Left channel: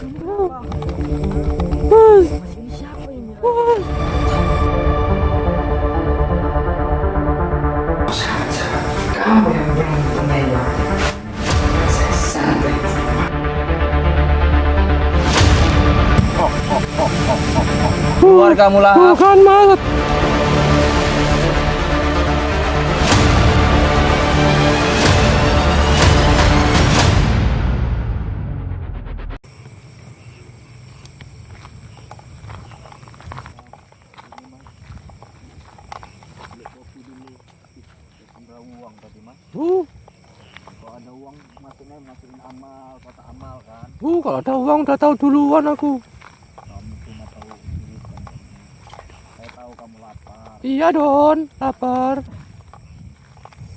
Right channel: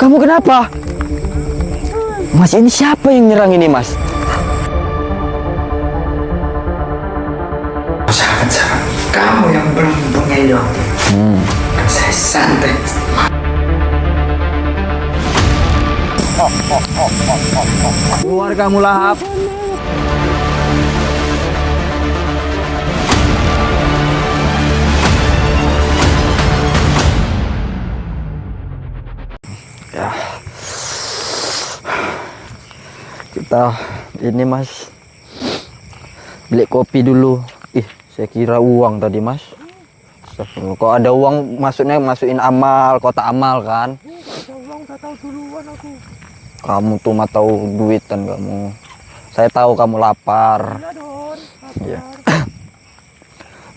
Kamu kenapa? Mas, ini siapa yang nyerang ini, Mas? Sahabat-sahabat, kamu yang bengong-bengong. Saya santai. Keluar kamu lah. Bukan, Mas. Kita ini, Mas, beli kopi dulu. Ih, saya kira uang tadi, Mas. Astagfirullah. Kok ada uang, maksudnya masukin amal, kotak amal kan? Kalau ada uang udah tahu duluan aku. Kamu tuh mah tahu duitan kamu. Saya tahu kamu lapar. Iya, Don. Lapar.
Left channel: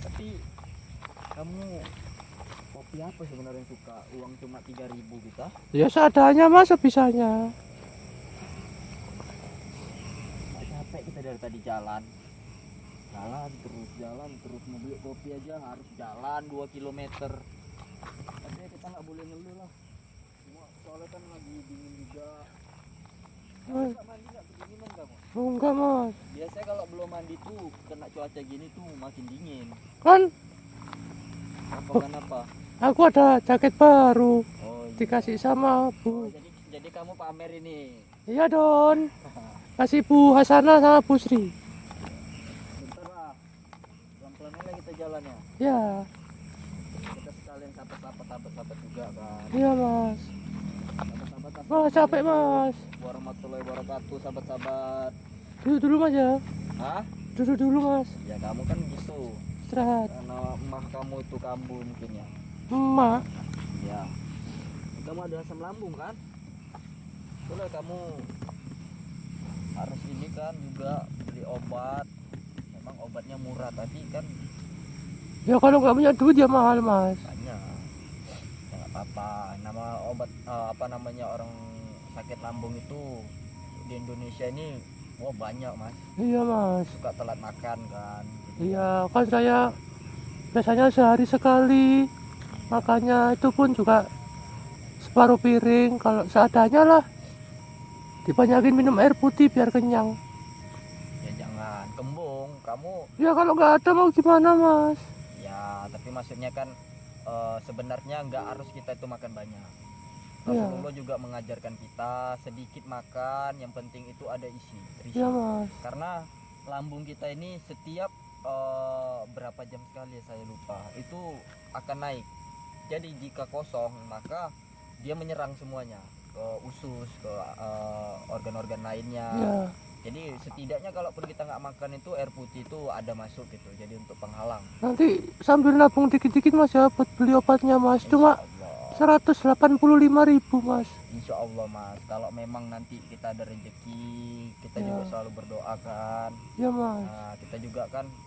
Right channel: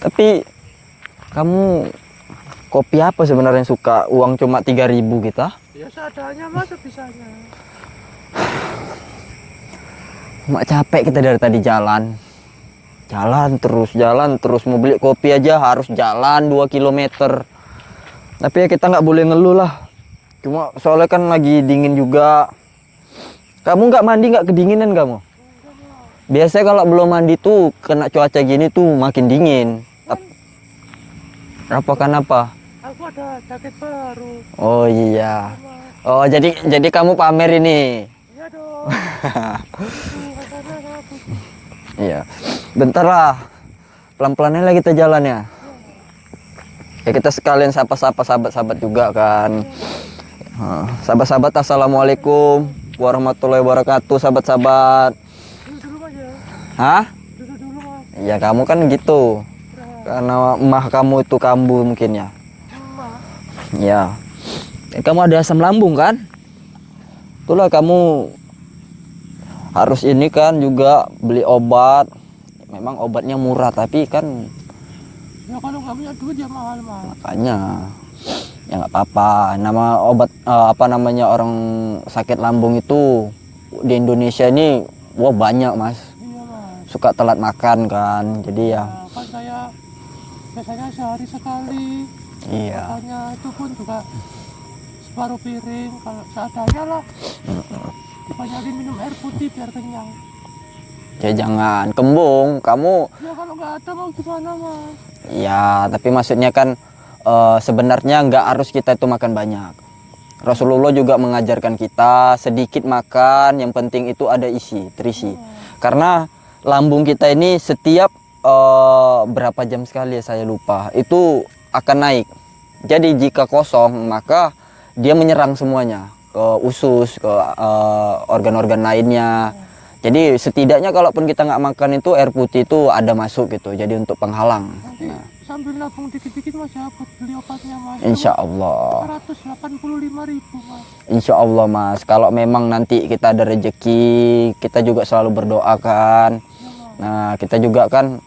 Tapi kamu kopi apa sebenarnya yang suka? Uang cuma 3.000 kita? Ya seadanya, Mas, sebisanya. Mak capek kita dari tadi jalan. Jalan terus. Mau beli kopi aja harus jalan 2 kilometer. Tapi ya kita nggak boleh ngeluh lah. Cuma soalnya kan lagi dingin juga. Kamu nggak mandi, nggak kedinginan kamu? Enggak, Mas. Biasanya kalau belum mandi tuh kena cuaca gini tuh makin dingin. Kan Apa? aku ada jaket baru. Oh Dikasih iya. sama. Oh jadi kamu pamer ini. Iya, Don. Kasih Bu Hasanah sama Bu Sri. Iya. Bentar lah. Pelan-pelannya lah kita jalan ya. Iya. Ya kita sekalian sapa-sapa sahabat-sahabat juga kan. Iya, Mas. Sahabat-sahabat, assalamualaikum warahmatullahi wabarakatuh, sahabat-sahabat. Duduk dulu, Mas, ya. Hah? Duduk dulu, Mas. Ya kamu kan gitu. Istirahat. Karena emah kamu itu kambuh mungkin ya. Emak. Ya. Kamu ada asam lambung kan? Itulah kamu harus ini kan juga beli obat. Memang obatnya murah tapi kan Ya kalau nggak punya duit ya mahal, Mas. makanya ya nggak apa-apa. Nama obat apa namanya orang sakit lambung itu di Indonesia ini wah banyak, Mas. Iya, Mas. Suka telat makan kan. Jadi ya Ya, kan saya biasanya sehari sekali. iya. Makanya itu pun juga separuh piring kalau seadanya lah. Dibanyakin minum air putih biar kenyang. Ya jangan kembung kamu. Ya kalau nggak ada mau gimana, Mas? Ya, tapi maksudnya kan sebenarnya nggak harus kita itu makan banyak. Rasulullah juga mengajarkan kita sedikit makan, yang penting itu ada terisi. Ya, Karena lambung kita ini setiap berapa jam sekali ya saya lupa, itu akan naik. Jadi jika kosong maka dia menyerang semuanya ke usus, ke organ-organ lainnya. Jadi setidaknya kalaupun kita nggak makan itu air putih itu ada masuk gitu. Jadi untuk penghalang. nanti sambil nabung dikit-dikit, Mas, ya buat beli obatnya, Mas. Insya Allah. 185.000, Mas. Insya Allah, Mas. Kalau memang nanti kita ada rezeki, kita juga selalu berdoa kan. Ya, Mas. Nah, kita juga kan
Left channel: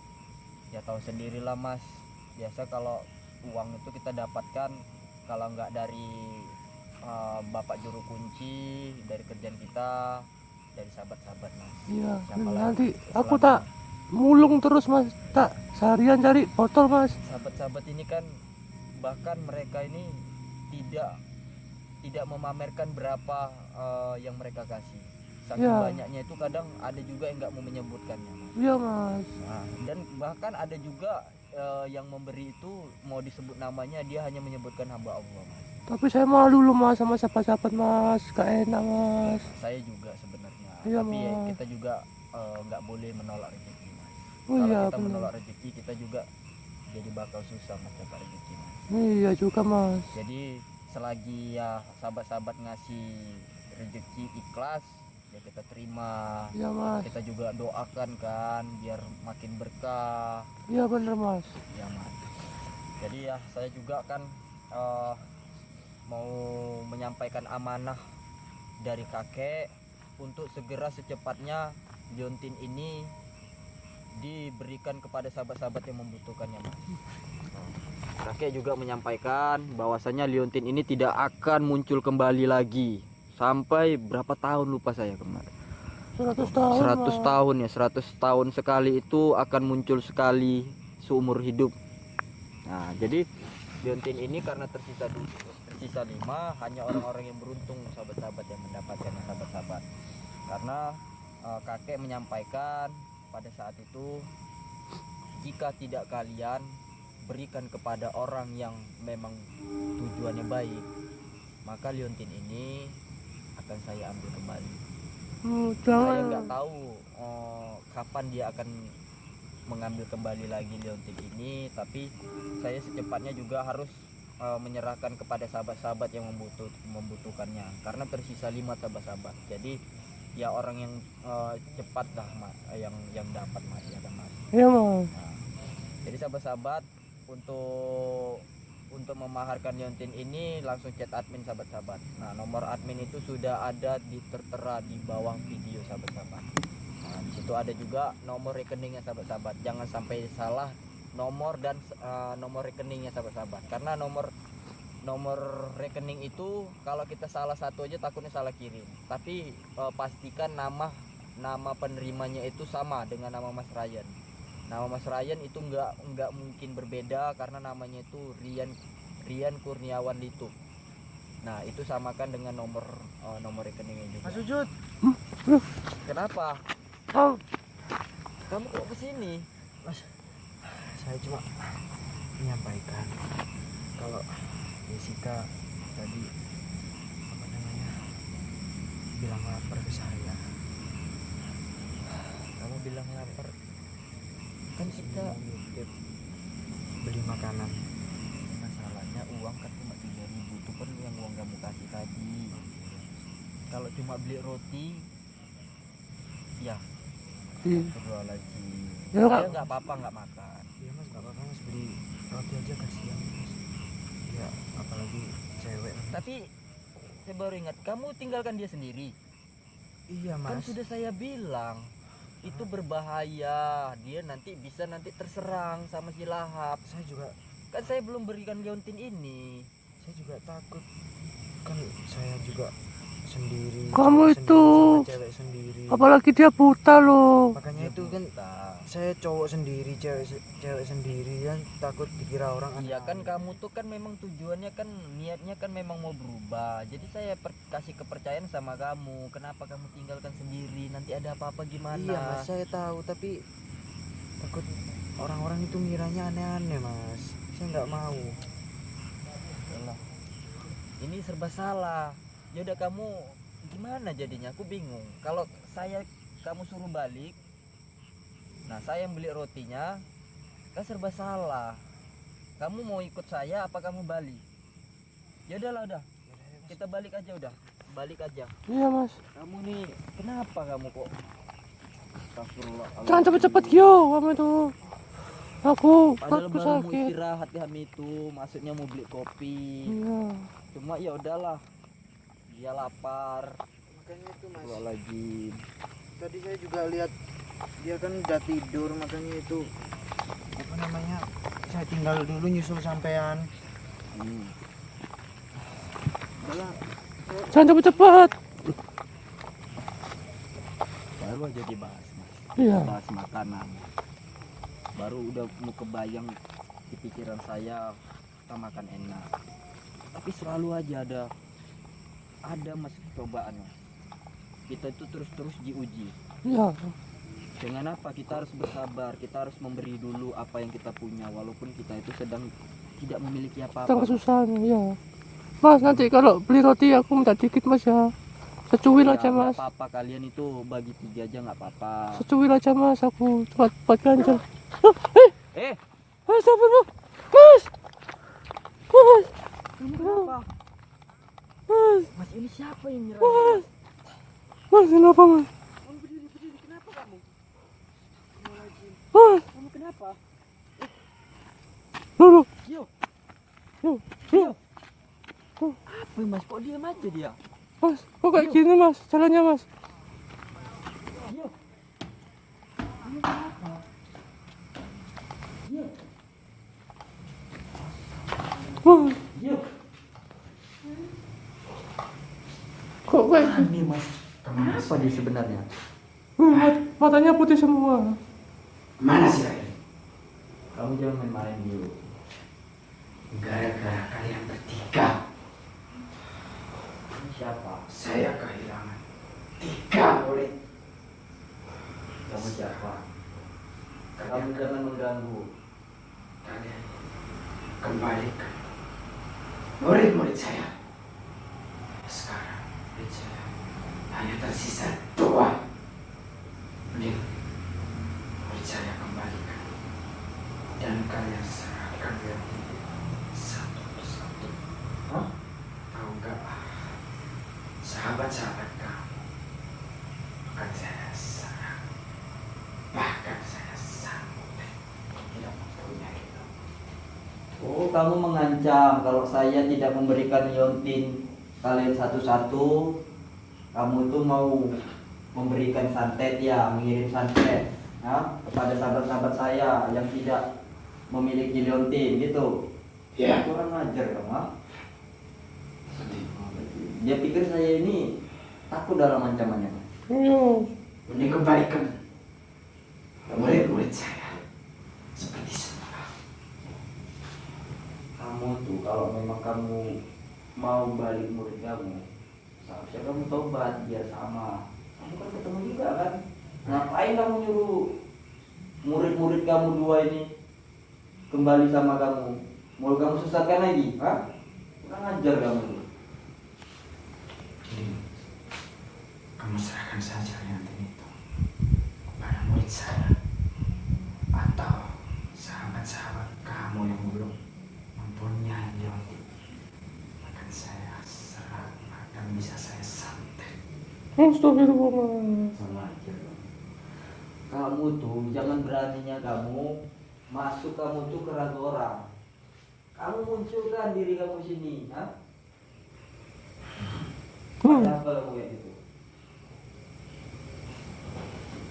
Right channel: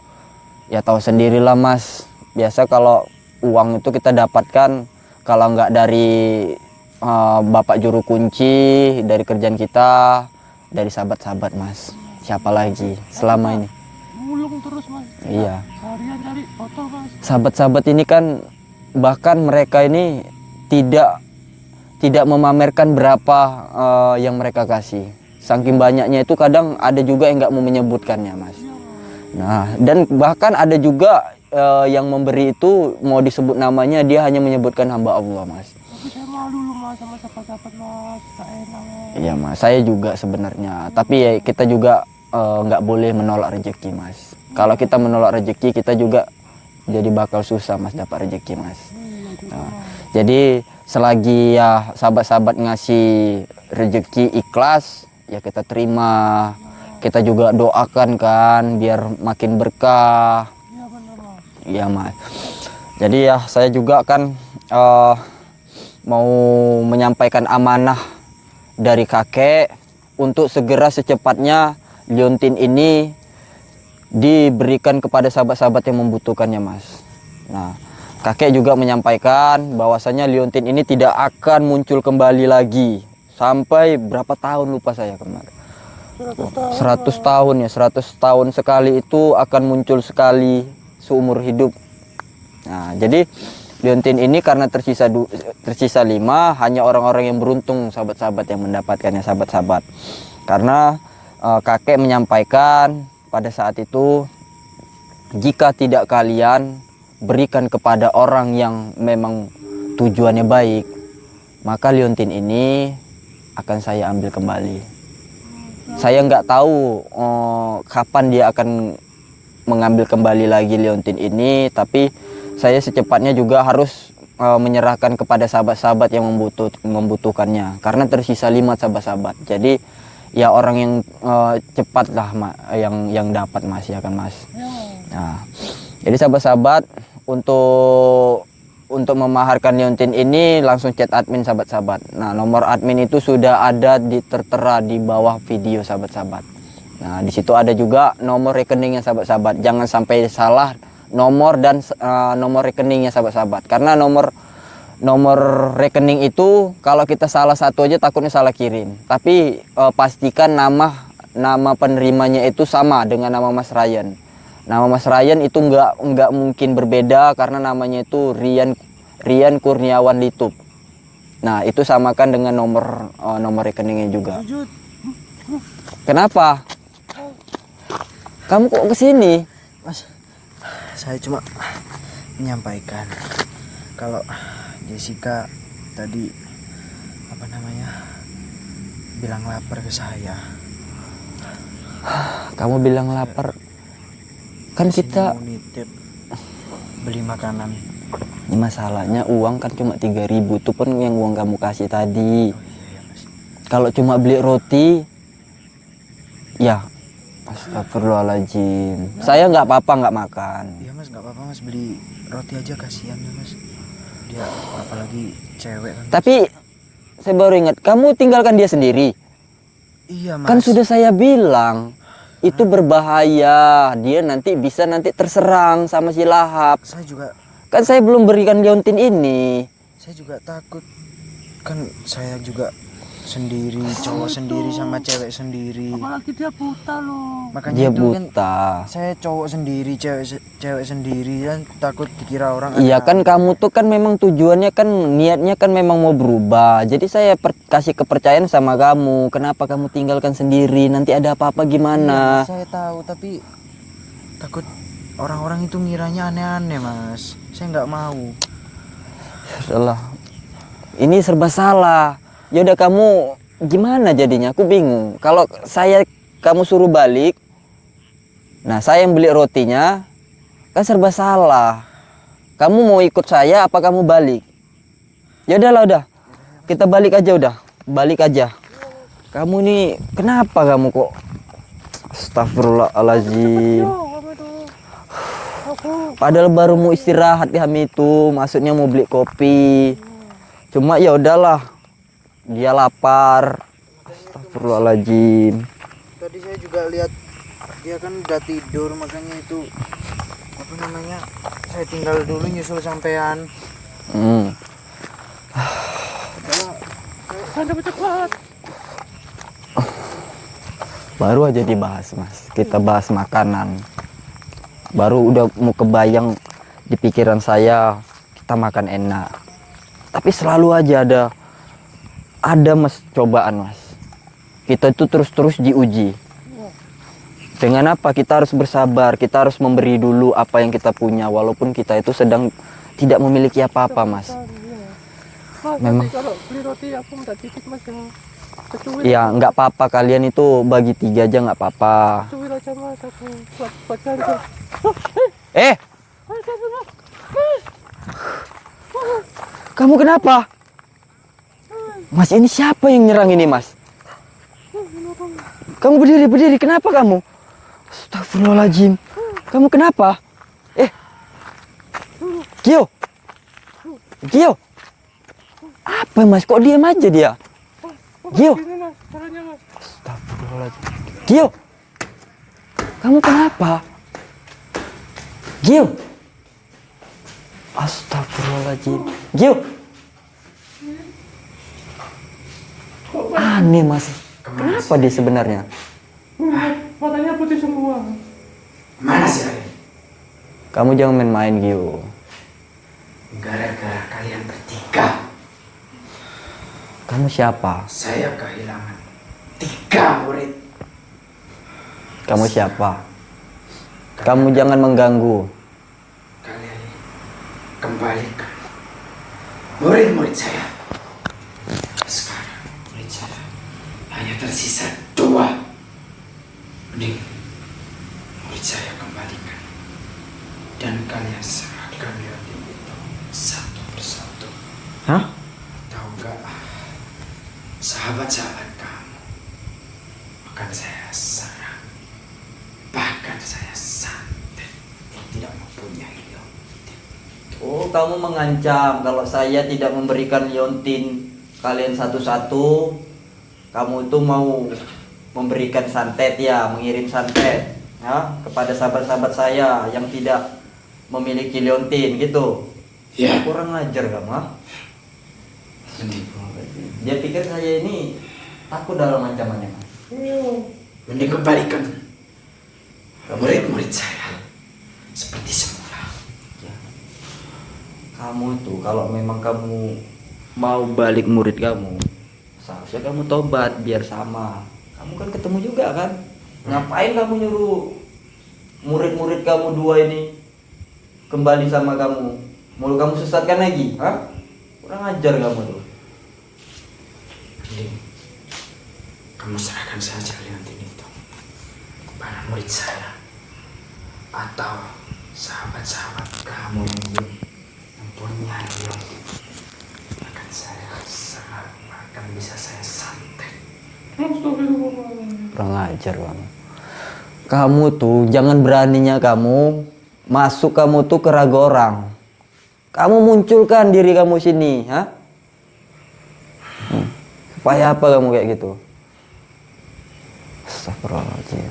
ya tahu sendirilah, Mas. Biasa kalau uang itu kita dapatkan kalau nggak dari Bapak Juru Kunci, dari kerjaan kita, dari sahabat-sahabat, Mas. Iya. Siapa lagi Aku selama tak ini? mulung terus, Mas. Iya. Seharian cari botol, Mas. Sahabat-sahabat ini kan bahkan mereka ini tidak memamerkan berapa yang mereka kasih. Saking banyaknya itu kadang ada juga yang nggak mau menyebutkannya, Mas. Iya, Mas. Nah, dan bahkan ada juga yang memberi itu mau disebut namanya dia hanya menyebutkan hamba Allah, Mas. Tapi saya malu loh, Mas, sama sahabat-sahabat, Mas. Gak enak, Mas. Iya, Mas. Saya juga sebenarnya. Iya, Tapi ya kita juga nggak boleh menolak rezeki, Mas. Kalau Iya, kita menolak rezeki kita juga jadi bakal susah, Mas, dapat rezeki, Mas. Iya juga, Mas. Jadi selagi ya sahabat-sahabat ngasih rezeki ikhlas, ya kita terima. Iya, Mas. Kita juga doakan kan biar makin berkah. Iya bener, Mas. Iya, Mas. Jadi ya saya juga kan mau menyampaikan amanah dari kakek untuk segera secepatnya liontin ini diberikan kepada sahabat-sahabat yang membutuhkannya, Mas. Nah, kakek juga menyampaikan bahwasanya liontin ini tidak akan muncul kembali lagi sampai berapa tahun lupa saya kemarin. 100 tahun ya, 100 tahun sekali itu akan muncul sekali seumur hidup. Nah, jadi liontin ini karena tersisa 5, hanya orang-orang yang beruntung sahabat-sahabat yang mendapatkannya sahabat-sahabat. Karena kakek menyampaikan pada saat itu, jika tidak kalian berikan kepada orang yang memang tujuannya baik, maka liontin ini akan saya ambil kembali. Saya nggak tahu kapan dia akan mengambil kembali lagi liontin ini, tapi saya secepatnya juga harus menyerahkan kepada sahabat-sahabat yang membutuhkannya, karena tersisa 5 sahabat-sahabat. Jadi ya orang yang cepat lah yang dapat, Mas, ya kan, Mas. Iya, Mas. Nah, jadi sahabat-sahabat untuk memaharkan liontin ini langsung chat admin sahabat-sahabat. Nah, nomor admin itu sudah ada tertera di bawah video sahabat-sahabat. Nah, di situ ada juga nomor rekeningnya sahabat-sahabat. Jangan sampai salah nomor dan nomor rekeningnya sahabat-sahabat. Karena nomor rekening itu kalau kita salah satu aja takutnya salah kirim. Tapi pastikan nama penerimanya itu sama dengan nama Mas Ryan. Nama Mas Ryan itu nggak mungkin berbeda karena namanya itu Rian Kurniawan Litup. Nah, itu samakan dengan nomor rekeningnya juga. Kenapa? Kamu kok kesini? Mas, saya cuma menyampaikan kalau Jessica tadi bilang lapar ke saya. Kamu bilang lapar. Kan kita mau nitip beli makanan. ini masalahnya uang kan cuma 3.000, itu pun yang uang kamu kasih tadi. Kalau cuma beli roti, ya astagfirullahaladzim. Saya nggak apa-apa nggak makan. Iya, Mas, nggak apa-apa, Mas, beli roti aja, kasihan ya, Mas. Dia apalagi cewek kan. Tapi saya baru ingat, kamu tinggalkan dia sendiri. Iya, Mas. Kan sudah saya bilang itu berbahaya, dia nanti terserang sama si Lahap. Saya juga Kan saya belum berikan liontin ini. saya juga takut, kan saya juga sendiri, Kamu cowok itu- sendiri sama cewek sendiri. Apalagi dia buta loh. Makanya Dia itu kan buta. saya cowok sendiri, cewek sendiri, kan takut dikira orang. Iya kan, aneh-aneh. kamu tuh kan memang tujuannya kan, niatnya kan memang mau berubah. Jadi saya kasih kepercayaan sama kamu. Kenapa kamu tinggalkan sendiri? Nanti ada apa-apa Iya, gimana? saya tahu, tapi takut orang-orang itu ngiranya aneh-aneh, Mas. Saya nggak mau. Salah. Ini serba salah. Ya udah, kamu gimana jadinya? Aku bingung. Kalau kamu suruh balik, nah saya yang beli rotinya, kan serba salah. Kamu mau ikut saya apa kamu balik? Ya udahlah, udah. Kita balik aja udah. Balik aja. Iya, Mas. Kamu nih kenapa kamu kok? Cepet-cepet Astagfirullahaladzim. yo kamu itu. Aku Padahal baru mau istirahat di Hami itu, maksudnya mau beli kopi. Cuma ya udahlah, dia lapar. Astagfirullahaladzim. Tadi saya juga lihat dia kan udah tidur, makanya itu saya tinggal dulu nyusul sampean. jangan cepet-cepet. Baru aja dibahas, Mas. Kita bahas makanan. Baru udah mau kebayang di pikiran saya kita makan enak. Tapi selalu aja ada Mas cobaan, Mas. Kita itu terus-terus diuji. Iya. Dengan apa? Kita harus bersabar, kita harus memberi dulu apa yang kita punya, walaupun kita itu sedang tidak memiliki apa-apa, Mas. Iya. Mas, nanti kalau beli roti aku minta dikit, Mas, ya. Kecuil Ya aja, nggak Mas. apa-apa, kalian itu bagi 3 aja nggak apa-apa. Kecuil aja, Mas, aku buat kalian. Mas, Mas. Mas. kamu kenapa? Mas, ini siapa yang nyerang ini, Mas? Mas, kenapa, Mas? Kamu berdiri, kenapa kamu? Astagfirullahaladzim. Kamu kenapa? Gio. Gio. Apa, Mas? Kok diam aja dia? Mas, kok Gio. kayak gini, Mas? Caranya, Mas. Astagfirullahaladzim. Gio. Kamu kenapa? Gio. Astagfirullahaladzim. Gio. Kok kayak Aneh, Mas. Kenapa dia sebenarnya? matanya putih semua. Mana sih Ray? Kamu jangan main-main, Gio. Gara-gara kalian bertiga, Kamu siapa? saya kehilangan 3 murid. Kamu siapa? Kamu jangan mengganggu. Kalian kembalikan murid-murid saya. Sekarang murid saya hanya tersisa 2. Mending murid saya kembalikan. Dan kalian serahkan yatim itu satu persatu. Hah? Tahu nggak? Sahabat-sahabat kamu akan saya serang. Bahkan saya santet. Tidak mempunyai liontin. Oh, kamu mengancam kalau saya tidak memberikan liontin kalian satu-satu, kamu tuh mau memberikan santet ya, mengirim santet ya kepada sahabat-sahabat saya yang tidak memiliki liontin gitu. Ya. Kurang ajar kamu, ha? Dia pikir saya ini takut dalam ancamannya, Mas. Mending kembalikan murid-murid saya seperti semula. Kamu tuh kalau memang kamu mau balik murid kamu, seharusnya kamu tobat biar sama. Kamu kan ketemu juga kan? Ngapain kamu nyuruh murid-murid kamu 2 ini kembali sama kamu? Mau kamu sesatkan lagi? Hah? Kurang ajar kamu tuh. Mending kamu serahkan saja liontin itu kepada murid saya atau sahabat-sahabat kamu yang belum mempunyai liontin. Akan saya serang, akan bisa saya santet. Kurang ajar kamu. Kamu tuh jangan beraninya kamu masuk kamu tuh ke raga orang. Kamu munculkan diri kamu sini, ha? Supaya apa kamu kayak gitu? Astagfirullahaladzim.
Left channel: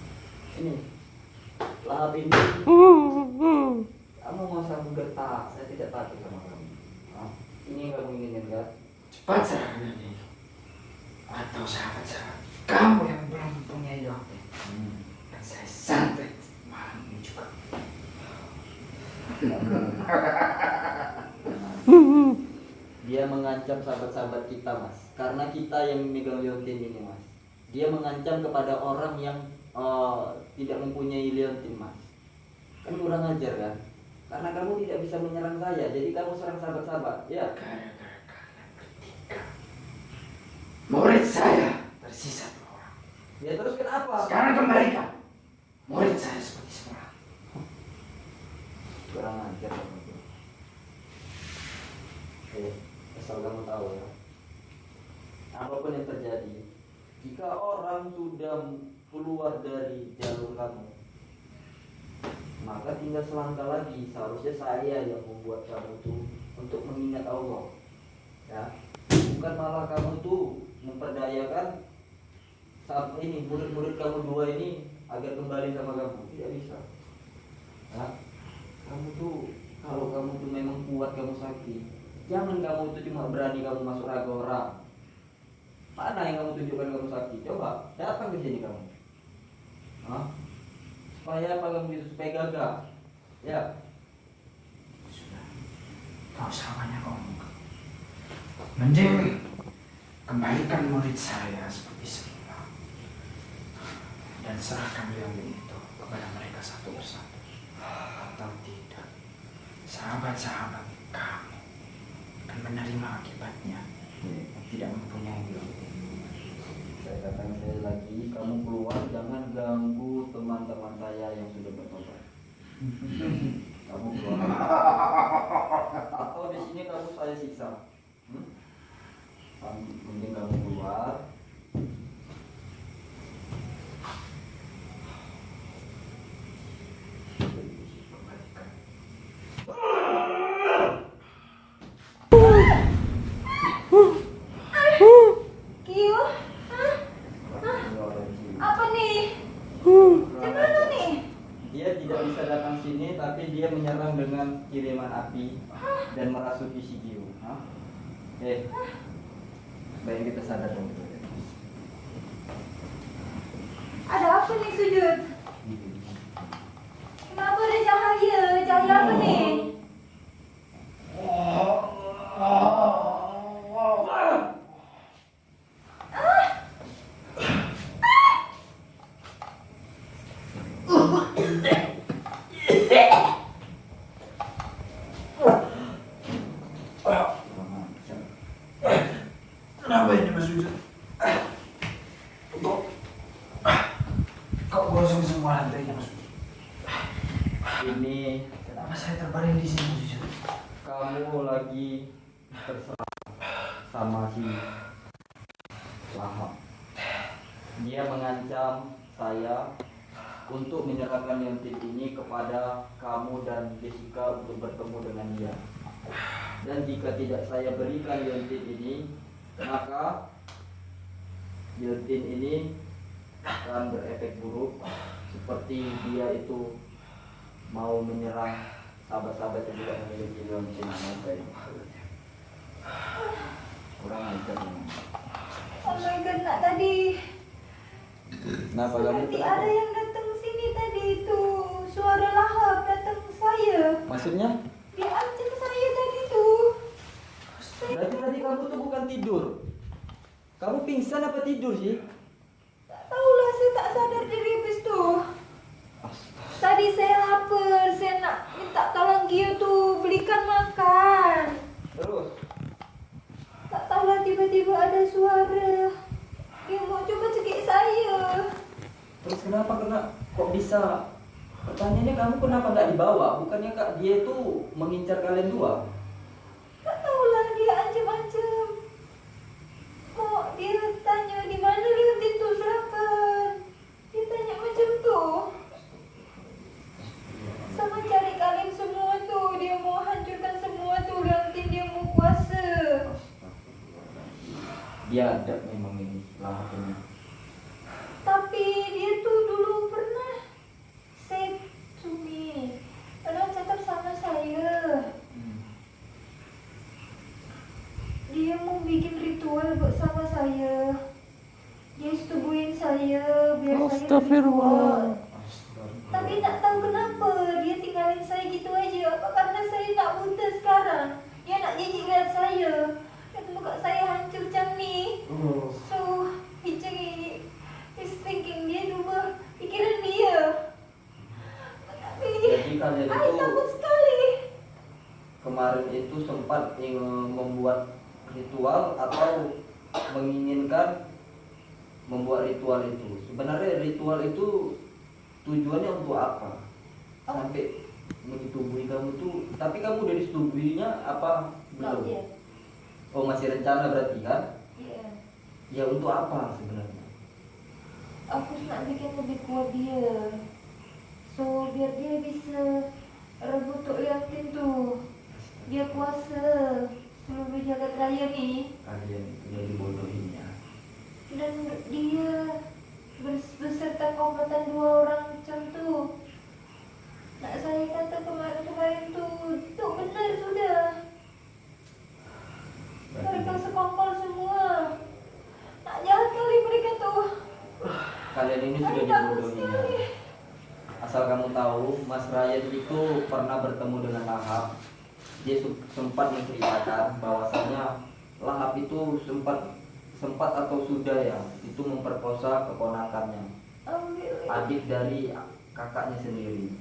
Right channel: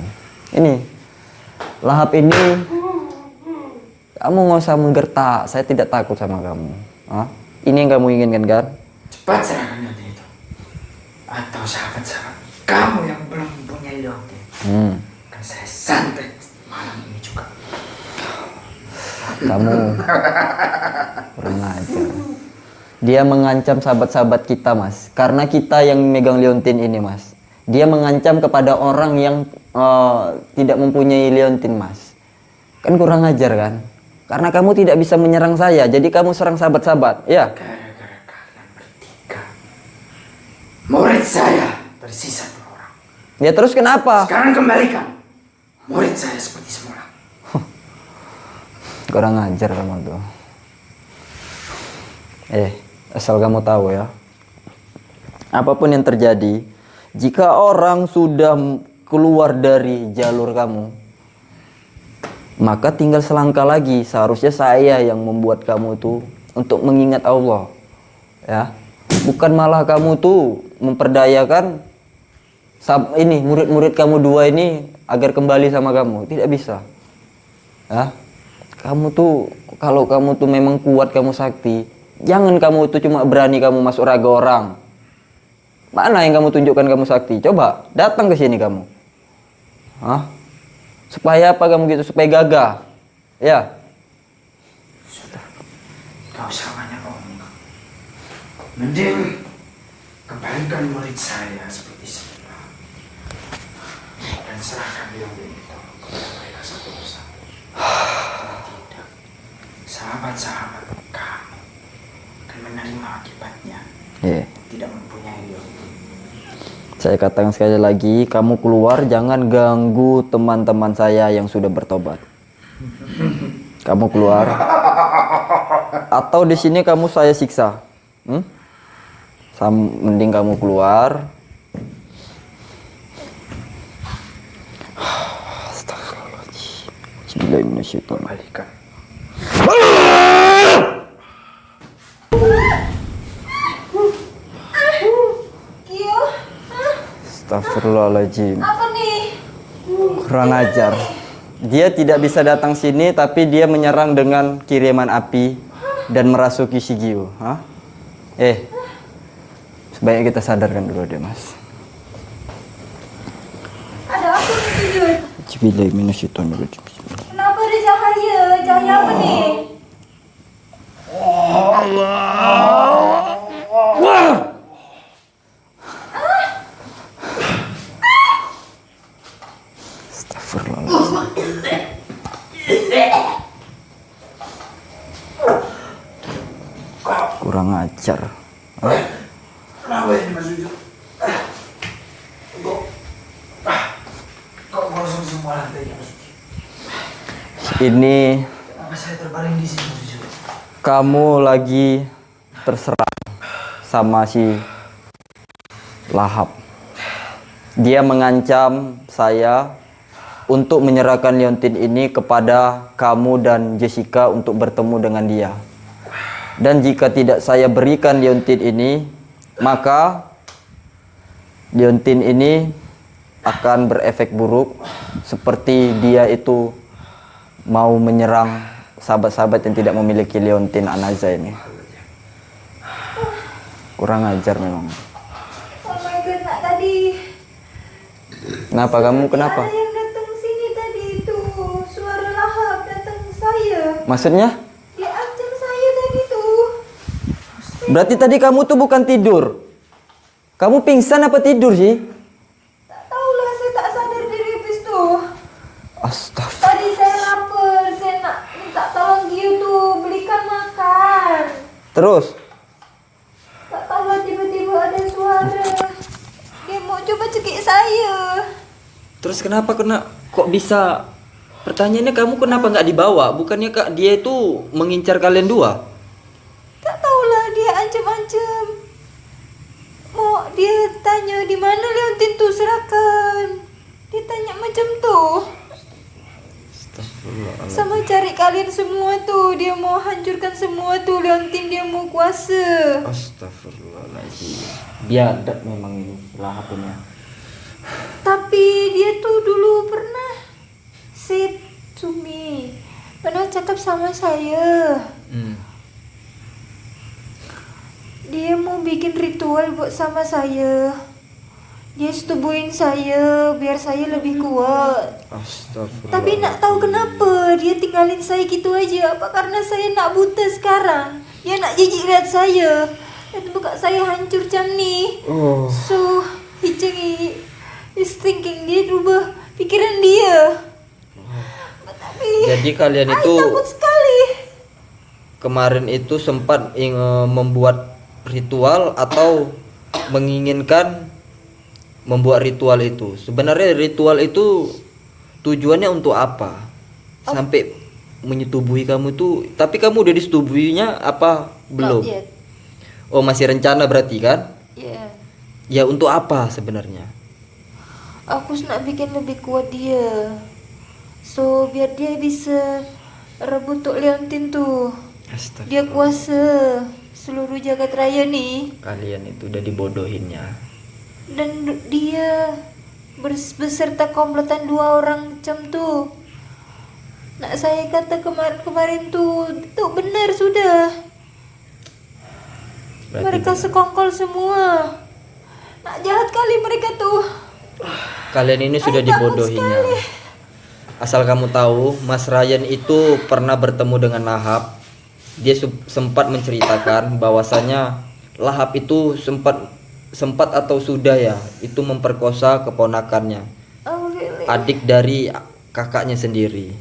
Ini lahap ini kamu nggak usah menggertak. Saya tidak takut sama kamu. Hah? Ini yang kamu inginkan kan? Cepat serahkan liontin itu. Atau sahabat-sahabat kamu yang belum mempunyai liontin. Akan saya santet malam ini juga. Kamu kurang ajar. Dia mengancam sahabat-sahabat kita, Mas. Karena kita yang megang liontin ini, Mas. Dia mengancam kepada orang yang tidak mempunyai liontin, Mas. Kan kurang ajar kan? Karena kamu tidak bisa menyerang saya, jadi kamu serang sahabat-sahabat, ya? Gara-gara kalian bertiga, murid saya tersisa 2 orang. Ya terus kenapa? Sekarang kembalikan murid saya seperti semula. Kurang ajar kamu tuh. Asal kamu tahu ya. Apapun yang terjadi, jika orang sudah keluar dari jalur kamu, maka tinggal selangkah lagi. Seharusnya saya yang membuat kamu tuh untuk mengingat Allah. Ya. Bukan malah kamu tuh memperdayakan ini murid-murid kamu 2 ini agar kembali sama kamu. Tidak bisa. Ya. Kamu tuh kalau kamu tuh memang kuat, kamu sakti, jangan kamu tuh cuma berani kamu masuk raga orang. Mana yang kamu tunjukkan kamu sakti? Coba datang ke sini kamu. Hah? Supaya apa kamu gitu? Supaya gagah. Ya. Sudah, gak usah banyak omong. Mending kembalikan murid saya seperti semula dan serahkan liontin itu kepada mereka satu persatu. Tidak, sahabat-sahabat kamu akan menerima akibatnya. Tidak mempunyai liontin. Saya katakan sekali lagi, kamu keluar jangan ganggu teman-teman saya yang sudah bertobat. Kamu keluar. Atau di sini kamu saya siksa. Mending kamu keluar. Astagfirullahaladzim. Bismillahirrahmanirrahim. Kembalikan. Astagfirullahaladzim. Apa nih? Kurang ajar. Dia tidak bisa datang sini, tapi dia menyerang dengan kiriman api dan merasuki Shigio. Hah? Sebaiknya kita sadarkan dulu deh, Mas. Ada apa nih tuyul? Bismillahirrahmanirrahim. Kenapa ada cahaya? Cahaya apa nih? Kurang ajar. Kenapa ini Mas Jujur? Kok gosok semua lantainya Mas? Ini Kenapa saya terbaring di sini Mas Jujur? kamu lagi terserang sama si Lahap. Dia mengancam saya untuk menyerahkan Leontin ini kepada kamu dan Jessica untuk bertemu dengan dia. Dan jika tidak saya berikan Leontin ini, maka Leontin ini akan berefek buruk seperti dia itu mau menyerang sahabat-sahabat yang tidak memiliki Leontin Anaza ini. Kurang ajar memang. Oh my god, nak tadi Kenapa kamu kenapa? ada yang datang sini tadi itu. Suara Lahap datang saya. Maksudnya? Dia ancam saya tadi tuh. Berarti tadi kamu tuh bukan tidur. Kamu pingsan apa tidur sih? Tak tahulah, saya tak sadar diri habis tuh. Astaga. Tadi saya lapar, saya nak minta tolong dia tuh belikan makan. Terus? Tak tahulah tiba-tiba ada suara. Dia mau coba cekik saya. Terus kenapa kok bisa? Pertanyaannya kamu kenapa nggak dibawa? Bukannya kak dia itu mengincar kalian dua? Tak tahulah, dia ancam-ancam. Mau dia tanya di mana Leontin tuh, serahkan. Dia tanya macam tuh. Sama cari kalian semua tuh. Dia mau hancurkan semua tuh Leontin, dia mau kuasa. Astagfirullahaladzim. Biadab memang ini Lahapnya. Tapi dia tuh dulu pernah said to me, pernah cakap sama saya. Dia mau bikin ritual buat sama saya. Dia setubuhin saya biar saya lebih kuat. Astagfirullah. Tapi nak tahu kenapa dia tinggalin saya gitu aja? Apa karena saya nak buta sekarang? Dia nak jijik lihat saya. Dan buka saya hancur macam ni. Oh. So, he's thinking, dia rubah pikiran dia. Tapi Jadi kalian I itu takut sekali. kemarin itu sempat membuat ritual atau menginginkan membuat ritual itu. Sebenarnya ritual itu tujuannya untuk apa? Sampai menyetubuhi kamu tuh. Tapi kamu udah disetubuhinya apa belum? Not yet. Oh, masih rencana berarti kan? Yeah. Ya untuk apa sebenarnya? Aku nak bikin lebih kuat dia. So, biar dia bisa rebut Tok Leontin tuh. Astaga. Dia kuasa seluruh jagat raya nih. Kalian itu udah dibodohinnya. Dan dia beserta komplotan 2 orang macam tuh. Nak saya kata kemarin-kemarin tuh benar sudah. Berarti Mereka sekongkol semua. Nak jahat kali mereka tuh. kalian ini sudah Ay, takut dibodohinya. sekali. Asal kamu tahu, Mas Ryan itu pernah bertemu dengan Lahap. Dia sempat menceritakan bahwasanya Lahap itu sempat atau sudah ya, itu memperkosa keponakannya, Oh really? adik dari kakaknya sendiri.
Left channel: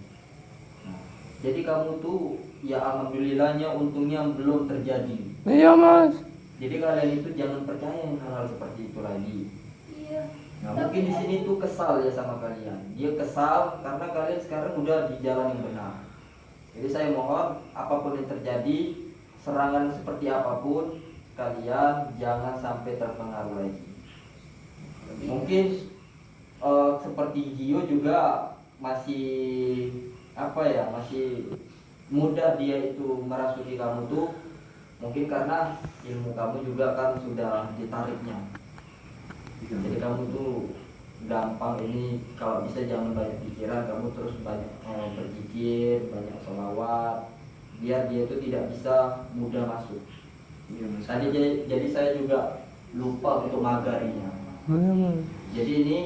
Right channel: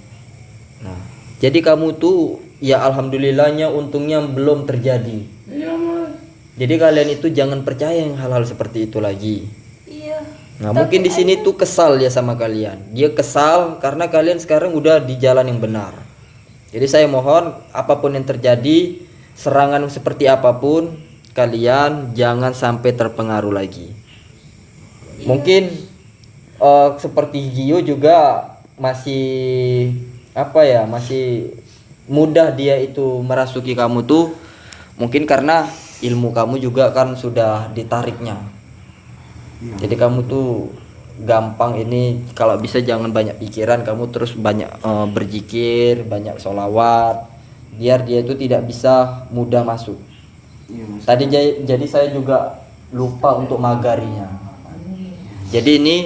Nah, jadi kamu tuh ya alhamdulillahnya untungnya belum terjadi. Iya mas. Jadi kalian itu jangan percaya yang hal-hal seperti itu lagi. Iya. Nah, mungkin di sini tuh kesal ya sama kalian. Dia kesal karena kalian sekarang udah di jalan yang benar. Jadi saya mohon apapun yang terjadi, serangan seperti apapun, kalian jangan sampai terpengaruh lagi. Mungkin seperti Gio juga masih masih mudah dia itu merasuki kamu tuh. Mungkin karena ilmu kamu juga kan sudah ditariknya. Jadi kamu tuh gampang ini, kalau bisa jangan banyak pikiran, kamu terus banyak berzikir, banyak sholawat, biar dia itu tidak bisa mudah masuk. Tadi jadi saya juga lupa untuk magarinya. Jadi ini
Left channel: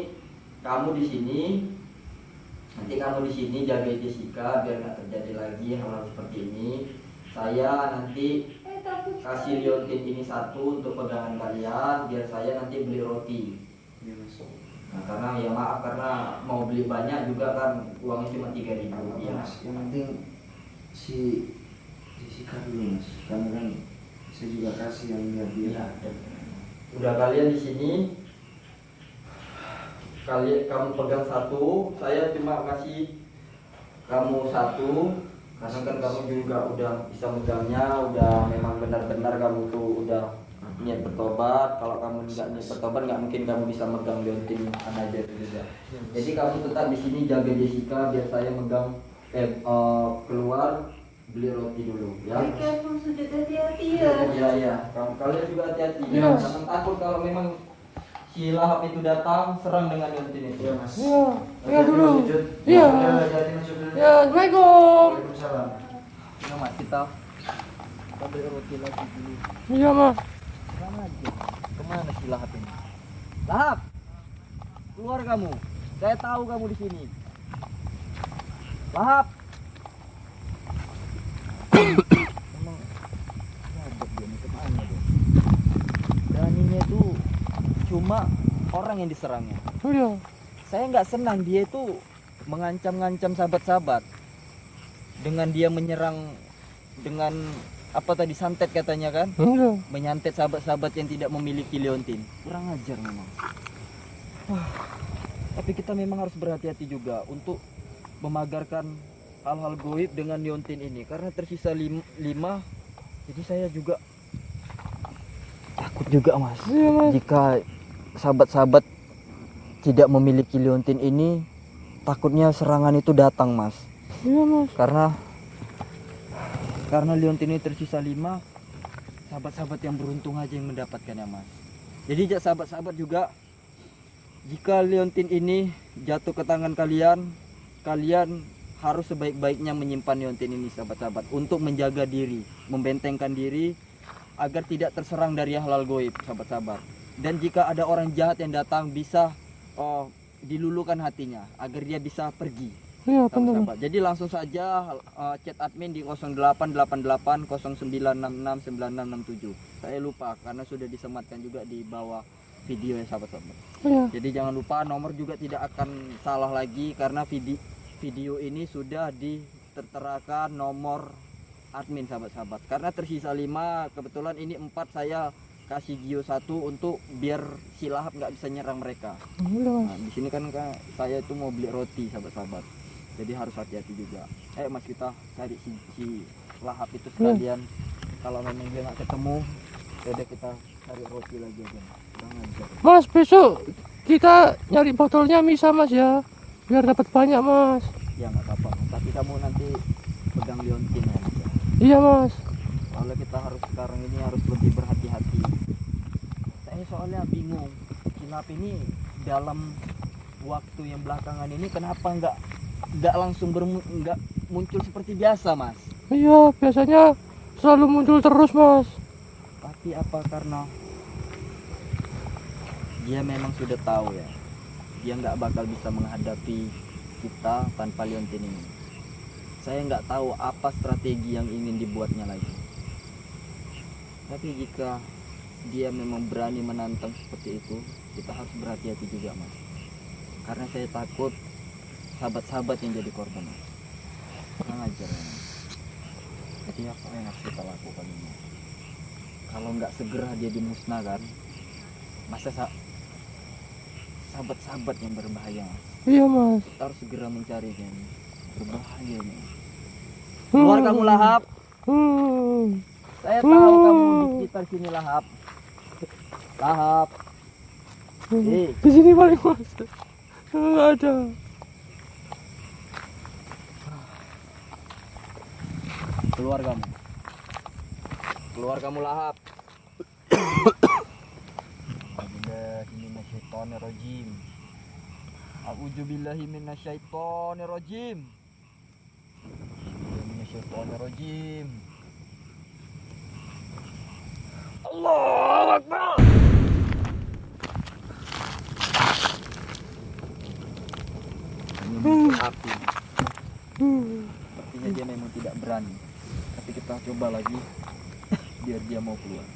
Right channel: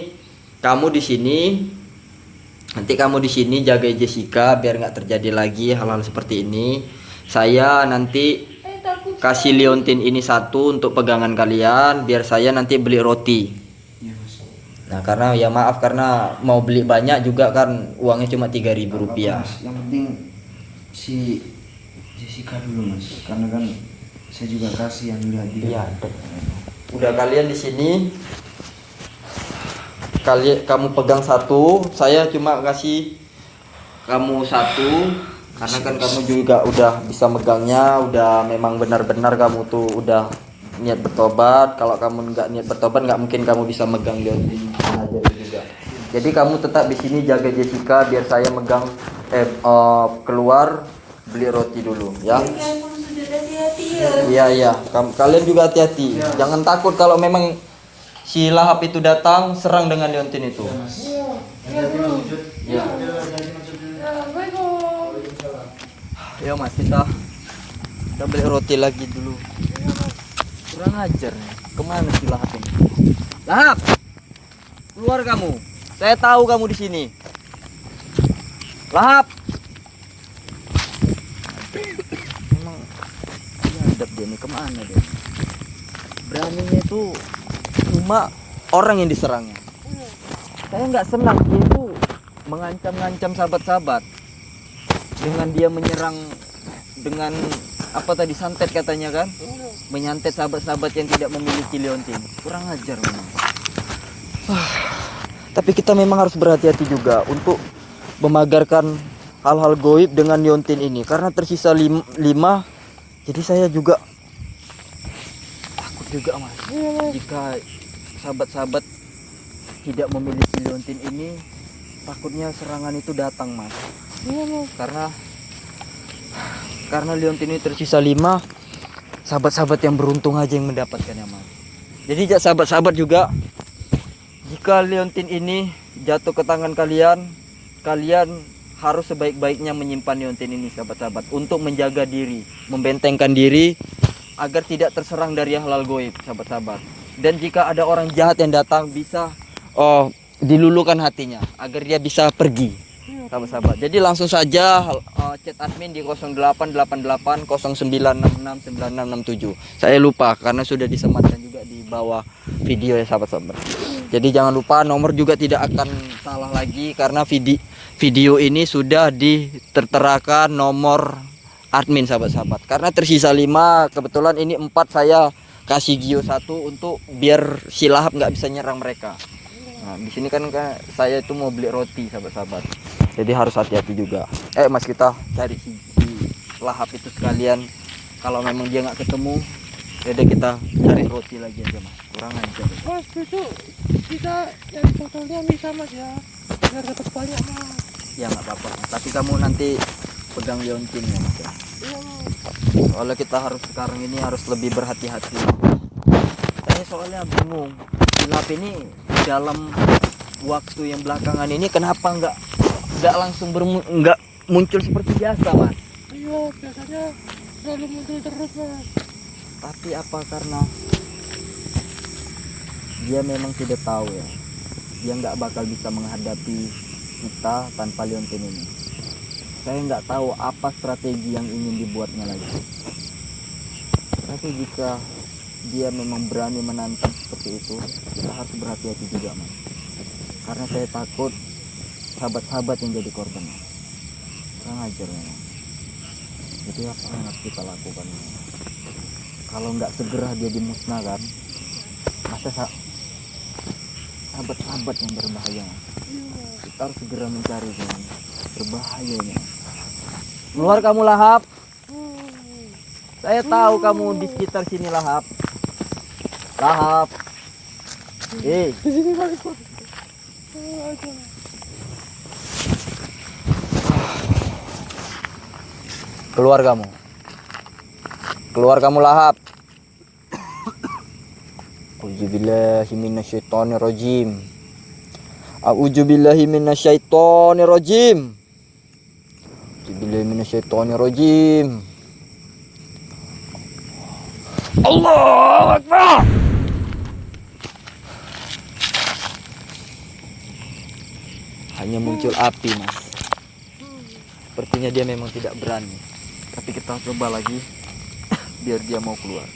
kamu di sini, nanti kamu di sini jaga Jessica biar nggak terjadi lagi hal-hal seperti ini. Saya nanti kasih Leontin ini 1 untuk pegangan kalian, biar saya nanti beli roti. Nah karena ya maaf karena mau beli banyak juga kan uangnya cuma 3.000 rupiah. Yang penting si Jessica dulu mas, karena kan Saya juga kasihan lihat dia. Iya. Udah kalian di sini. Kamu pegang satu, saya cuma kasih kamu satu karena kan kamu juga udah bisa megangnya, udah memang benar-benar kamu tuh udah niat bertobat. Kalau kamu nggak niat bertobat nggak mungkin kamu bisa megang liontin aja juga. Jadi kamu tetap di sini jaga Jessica biar saya megang keluar beli roti dulu ya. Ya pun sudah hati-hati ya. Iya. Kalian juga hati-hati. Jangan takut kalau memang si lahap itu datang serang dengan liontin itu. Iya. Iya dulu. Iya. Ya, Assalamualaikum. Ayo mas kita beli roti lagi dulu. Iya mas. Kurang ajar. Kemana si lahap ini? Lahap, keluar kamu. Saya tahu kamu di sini. Lahap. Hadap dia nih kemana dia? Beraninya itu cuma orang yang diserangnya. Iya. Saya nggak senang dia itu mengancam-ngancam sahabat-sahabat dengan dia menyerang dengan apa tadi santet katanya kan, Iya. menyantet sahabat-sahabat yang tidak memiliki liontin. Kurang ajar memang. Tapi kita memang harus berhati-hati juga untuk memagarkan hal-hal goib dengan liontin ini karena tersisa 5. Jadi saya juga takut juga mas. Iya mas. Jika sahabat-sahabat tidak memiliki liontin ini, takutnya serangan itu datang mas. Iya mas. Karena liontin ini tersisa 5, sahabat-sahabat yang beruntung aja yang mendapatkannya mas. Jadi sahabat-sahabat juga, jika liontin ini jatuh ke tangan kalian, kalian harus sebaik-baiknya menyimpan liontin ini sahabat-sahabat untuk menjaga diri, membentengkan diri agar tidak terserang dari hal-hal goib sahabat-sahabat. Dan jika ada orang jahat yang datang bisa dilulukan hatinya agar dia bisa pergi. Iya benar. Sahabat-sahabat. Jadi langsung saja chat admin di 0888 0966 9667. Saya lupa karena sudah disematkan juga di bawah video ya sahabat-sahabat. Jadi jangan lupa nomor juga tidak akan salah lagi karena video ini sudah diterterakan nomor admin sahabat-sahabat. Karena tersisa 5, kebetulan ini 4 saya kasih Gio 1 untuk biar si lahap nggak bisa nyerang mereka. Nah, di sini kan saya itu mau beli roti sahabat-sahabat. Jadi harus hati-hati juga. Mas kita cari si lahap itu sekalian. Kalau memang dia nggak ketemu, yaudah kita cari roti lagi aja mas. Kurang aja. Mas besok kita nyari botolnya bisa mas ya, biar dapat banyak mas. Ya nggak apa-apa. Tapi kamu nanti pegang liontin ya mas. Iya mas. Soalnya kita harus sekarang ini harus lebih berhati-hati. Saya soalnya bingung. Lahap ini dalam waktu yang belakangan ini kenapa nggak langsung nggak muncul seperti biasa mas? Iya biasanya selalu muncul terus mas. Tapi apa karena dia memang tidak tahu ya, dia nggak bakal bisa menghadapi kita tanpa liontin ini. Saya nggak tahu apa strategi yang ingin dibuatnya lagi. Tapi jika dia memang berani menantang seperti itu, kita harus berhati-hati juga mas. Karena saya takut sahabat-sahabat yang jadi korban. Kurang ajar ya. Jadi apa yang harus kita lakukan? Kalau nggak segera dia dimusnahkan, masa sahabat-sahabat yang berbahaya. Iya mas. Kita harus segera mencari dia. Berbahaya ya. Keluar kamu lahap. Saya tahu kamu di sekitar sini lahap. Lahap. Di sini balik mas. Nggak ada. Keluar kamu. Keluar kamu lahap. A'udzubillahi minasyaitonirrajim. A'udzubillahi minasyaitonirrajim. A'udzubillahi minasyaitonirrajim. Allahu Akbar. Hanya muncul api mas. Sepertinya dia memang tidak berani. Tapi kita coba lagi biar dia mau keluar.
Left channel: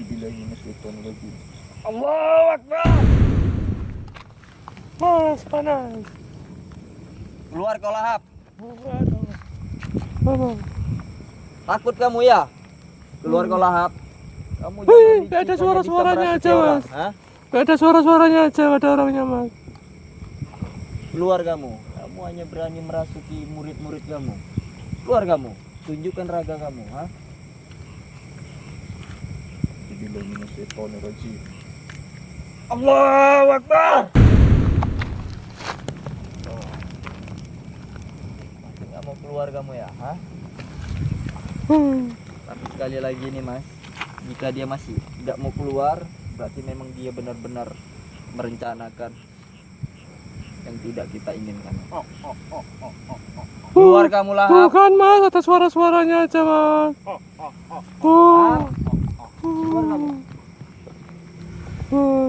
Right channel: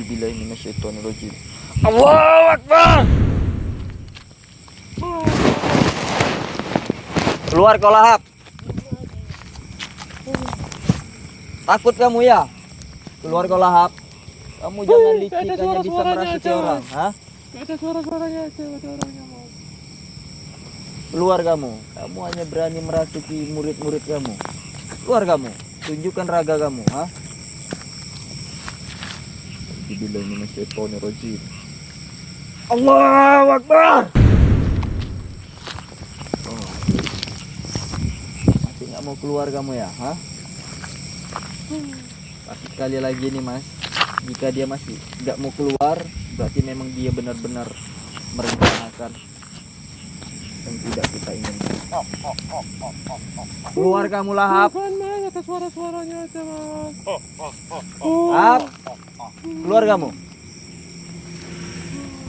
A'udzubillahi minasyaitonirrajim. Allahu Akbar. Keluar kau lahap. Takut kamu ya? Keluar kau lahap. Kamu jangan Wih, licik gak ada hanya bisa suara-suaranya merasuki aja, orang. Mas. Hah? Gak ada suara-suaranya aja, ada orangnya mas. Keluar kamu. Kamu hanya berani merasuki murid-murid kamu. Keluar kamu. Tunjukkan raga kamu. Hah? Bismillah minasyaitonirrajim. Allahu Akbar. Masih nggak mau keluar kamu ya? Hah? Sekali lagi nih mas, jika dia masih nggak mau keluar, berarti memang dia benar-benar merencanakan yang tidak kita inginkan. Keluar kamu lahap. Bukan mas, ada suara-suaranya aja mas. Lahap. Keluar kamu.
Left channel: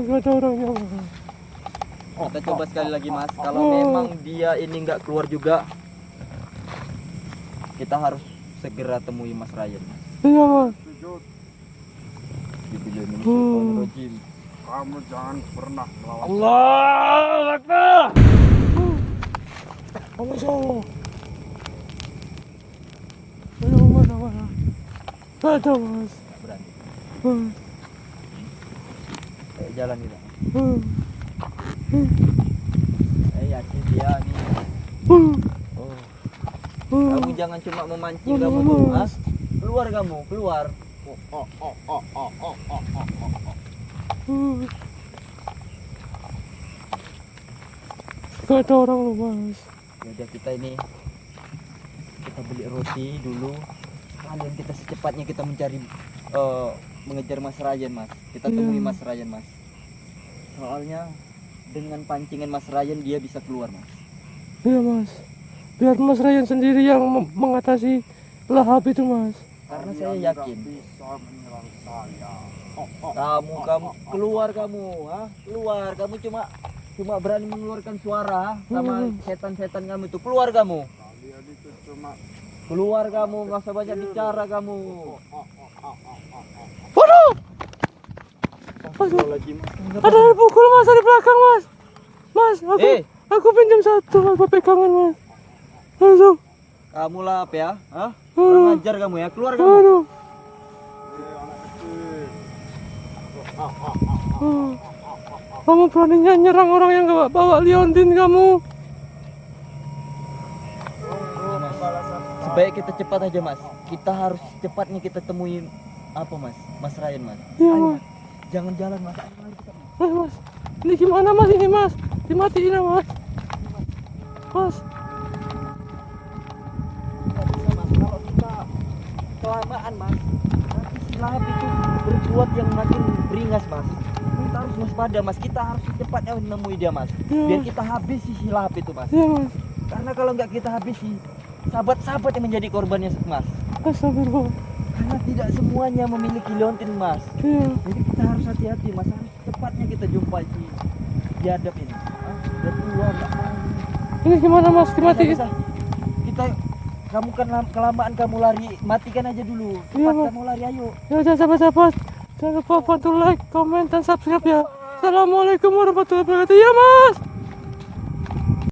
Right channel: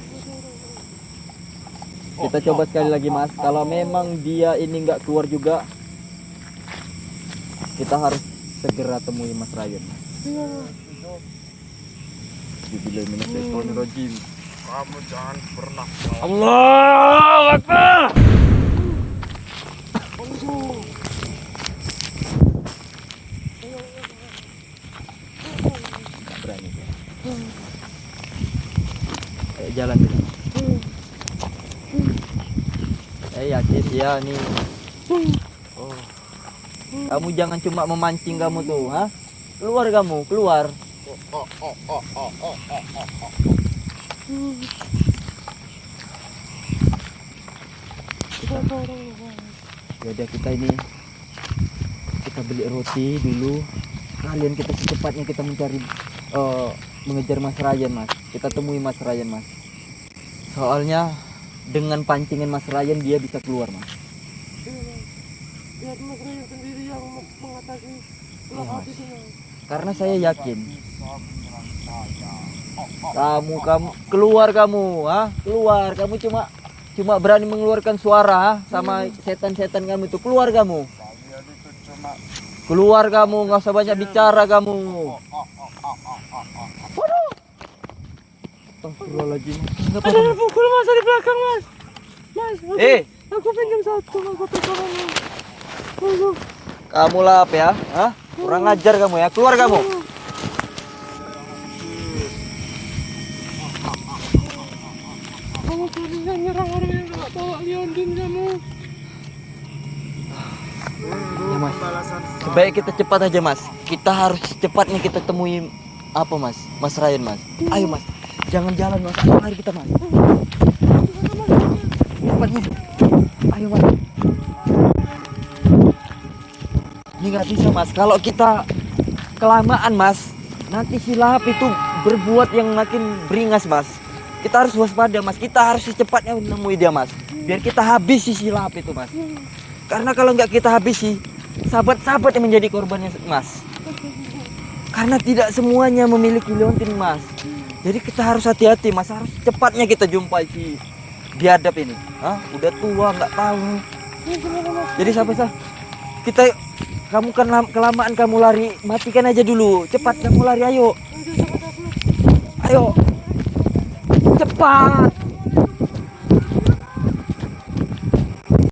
Gak ada orangnya mas. Kita coba sekali lagi mas. Kalau memang dia ini nggak keluar juga, kita harus segera temui Mas Rayun. Iya mas. Bismillahirrahmanirrahim. Kamu jangan pernah Allahu Akbar. Kamu jauh. Ayo mas, mas. Gak ada mas. Nggak berani. Kayak jalan dulu. Saya yakin dia nih. Oh. Kamu jangan cuma memancing kamu tuh, ha? Keluar kamu, keluar. Gak ada orang loh mas. Yaudah kita ini kita beli roti dulu. Kalian kita secepatnya kita mencari mengejar Mas Ryan mas. Kita temui Mas Ryan mas. Soalnya dengan pancingan Mas Ryan dia bisa keluar mas. Iya mas. Biar mas Ryan sendiri yang mengatasi lahap itu mas. Karena saya yakin kamu keluar kamu, ah keluar kamu cuma berani mengeluarkan suara ha? Sama setan-setan kamu itu keluar kamu. Keluar kamu, nggak usah banyak bicara kamu. Waduh! Ada yang pukul mas dari belakang mas. Mas, aku pinjam satu, aku pegangan mas. Aduh. Kamu lap ya, ah kurang ajar kamu ya, keluar kamu. Aduh. Kamu beraninya nyerang orang yang gak bawa Leondin kamu. Ya mas, sebaik kita cepat aja mas. Kita harus cepatnya kita temui apa mas, Mas Ryan mas. Ayo mas, jangan jalan mas, mari kita mas. Ini gimana mas ini mas? Mati ini mas. Ayo mas. Mas. Ini nggak bisa mas, kalau kita kelamaan mas, nanti si lahap itu berbuat yang makin beringas mas. Kita harus waspada mas, kita harus secepatnya menemui dia mas. Biar kita habisi si lahap itu mas. Iya mas. Karena kalau nggak kita habisi, sahabat-sahabat yang menjadi korbannya mas. Astagfirullah. Karena tidak semuanya memiliki Leontin mas. Iya. Jadi kita harus hati-hati mas, harus cepatnya kita jumpai si biadab ini. Hah? Udah tua nggak tahu. Ini gimana mas? Jadi sampai kita kamu kan kelamaan kamu lari, matikan aja dulu. Cepat Iya, kamu lari ayo. Ya udah cepat-cepat. Jangan lupa Ayo. bantu like, komen, dan subscribe ya. Cepat. Assalamualaikum warahmatullahi wabarakatuh. Ya mas.